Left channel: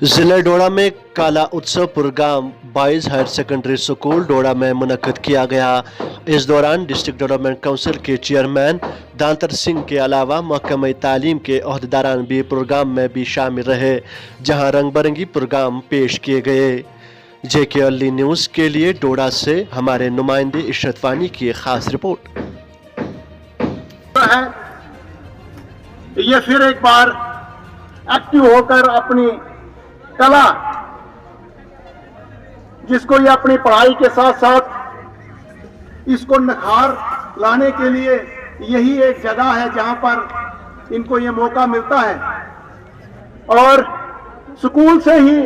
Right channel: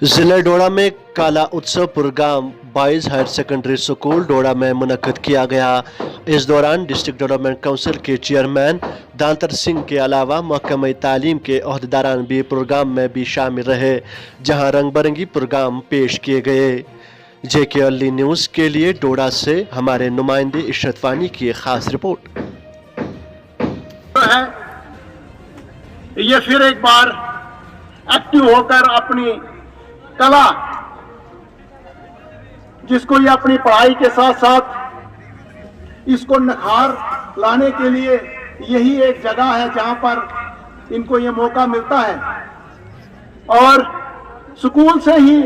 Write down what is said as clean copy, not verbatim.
जिला डोडा में काला उत्सव program boys higher secondary school Doda में मुनक्किद किया गया। इस दौरान डिस्ट्रिक्ट डेवलपमेंट काउंसिल के चेयरमैन दांतर सिंह के अलावा महकमा तालीम के अहदेदारान भी प्रोग्राम में भी शामिल रहे, जहां रंग बिरंगी प्रोग्राम पेश किए गए। जेके अर्ली न्यूज़ के लिए डोडा से हमारे नुमाइंदे इशरत वानी की खास रिपोर्ट। ये फिर एक बार एक्टिव होकर अपनी कला, जिसको ये अपनी पढ़ाई के साथ साथ इसको निखार लाने के लिए यही एक जगह है जहां पर इनको ये मौका मिलता है। और स्कूल से ही